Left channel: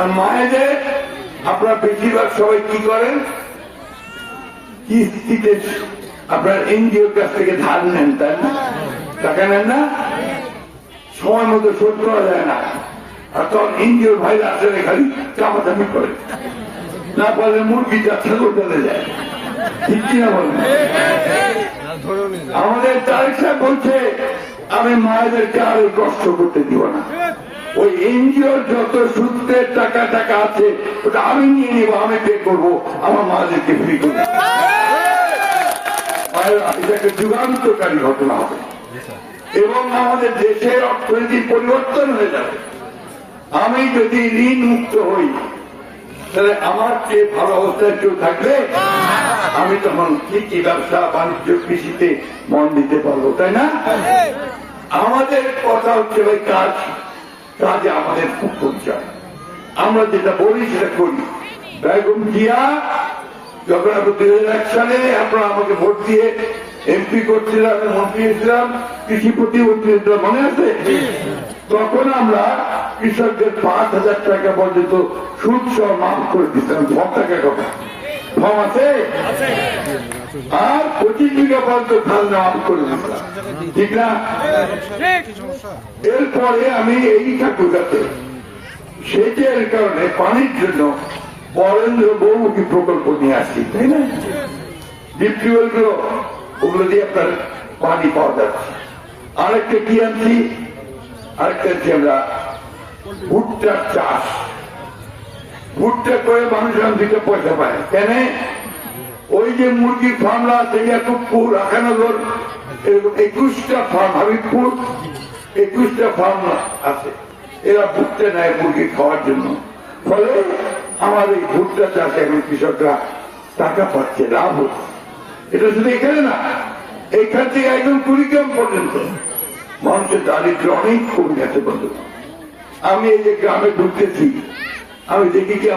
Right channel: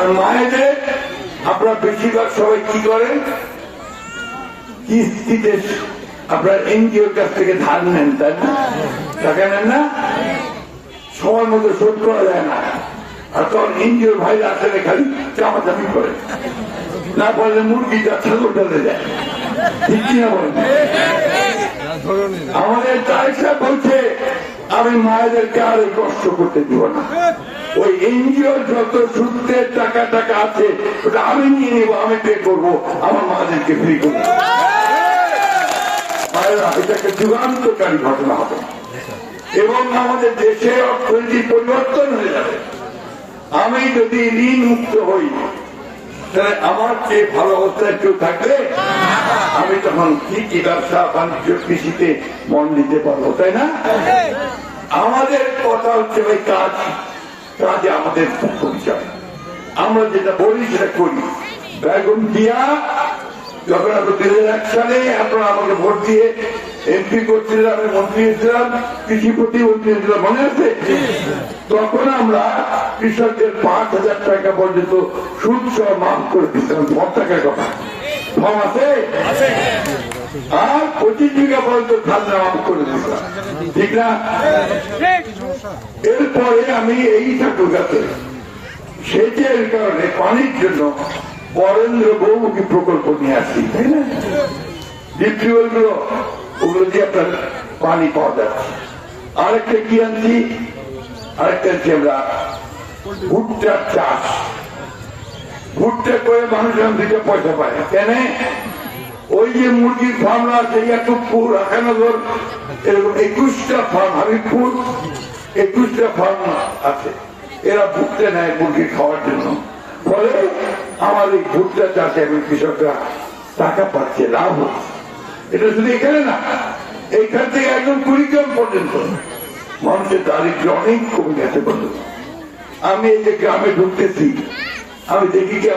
আর মায়েদের আপনারা বেশিরভাগ সবাই কি করেন, কিস্তিতে আপনার এনজিওর কাছ থেকে ধার নেন, তাই না? টাকা নেন না, সময় মতো শোধ করা যায় না। আর তখন এনজিওর ভাইরা আসলে খালি চাপাচাপি করে, না বলে মুরগিটা ছাগলটাতে যায়, ঠিক কিনা বলেন? আমাদের তারেক সাহেব বলছে আমি মায়েদেরকে আরো কষ্ট করতে দিব না, ওই এনজিওর যত সূত্রের টাকা টাকা আছে ওটা আমি নিয়ে নেবো, আমি পে করবো, আমার মায়েদেরকে ফ্রি করবো। এটা একটা যুগান্তকারী ঘটনা হবে এবং আমাদের দেশের অর্থনৈতিক পরিবর্তন হয়ে যাবে। আমি যদি ঋণ মুক্ত হই তাহলে আমার চেয়ে ভালো অবস্থায় কেউ থাকবে? আমি তখন ঠিকই ব্যবসা বাণিজ্য কৃষিতে মন দিতে পারবো, তাই না? আমাদের কথা হচ্ছে ওই কাজ, কাজে আমাদের পরিচয়, আমরা যেটা বলি সেটা করি। বেগম জিয়া যখন আমরা 2001 সালে আপনারা আমাকে ভোট দিয়ে এমপি করছিলাম, আমি মন্ত্রী ছিলাম, কৃষি প্রতিমন্ত্রী ছিলাম, মনে আছে? তখন আমরা কৃষকদের 5,000 টাকা পর্যন্ত সুদ সহ মাফ করে দিচ্ছিলাম। সব টাকা কথা ফর্ম আছে, আর 25 বিঘা পর্যন্ত খাজনা মাফ করে দিচ্ছিলাম, ঠিক না? এরপরে আমি এই ঠাকুরগাতে সেচের কারণে পানির জন্য বরেন্দ্র বহুমুখী প্রকল্প নিয়ে আসছি, তাই না? ডিপটিউবেল গুলো, ওগুলো দিয়ে আপনার পানি পাওয়া যাচ্ছে। আরেকটা কি আনছি, আরেকটা হচ্ছে আমরা ভুট্টার চাষ, ভুট্টা করে মানুষ দিতে পয়সা পায়, কেন? ওই যে মুরগির ফার্ম আছে ইয়াকুবপুর, আখানগর, 21টা ফার্ম, হাবিবপুর 21টা ফার্ম আছে, এরা ভুট্টা নেয় মুরগি খাওয়ার জন্য। ফলে আমার এই ভুট্টা চাষে এখন কৃষকরা টাকা পাচ্ছে, লাভ হচ্ছে। এটা শুধু এখানে না, এইখান থেকে একদম কুড়িগ্রাম পর্যন্ত মানুষের দারিদ্র অনেক কমে গেছে। আমি এই যে গ্রামে ঢুকতেছি, আমি দেখি কি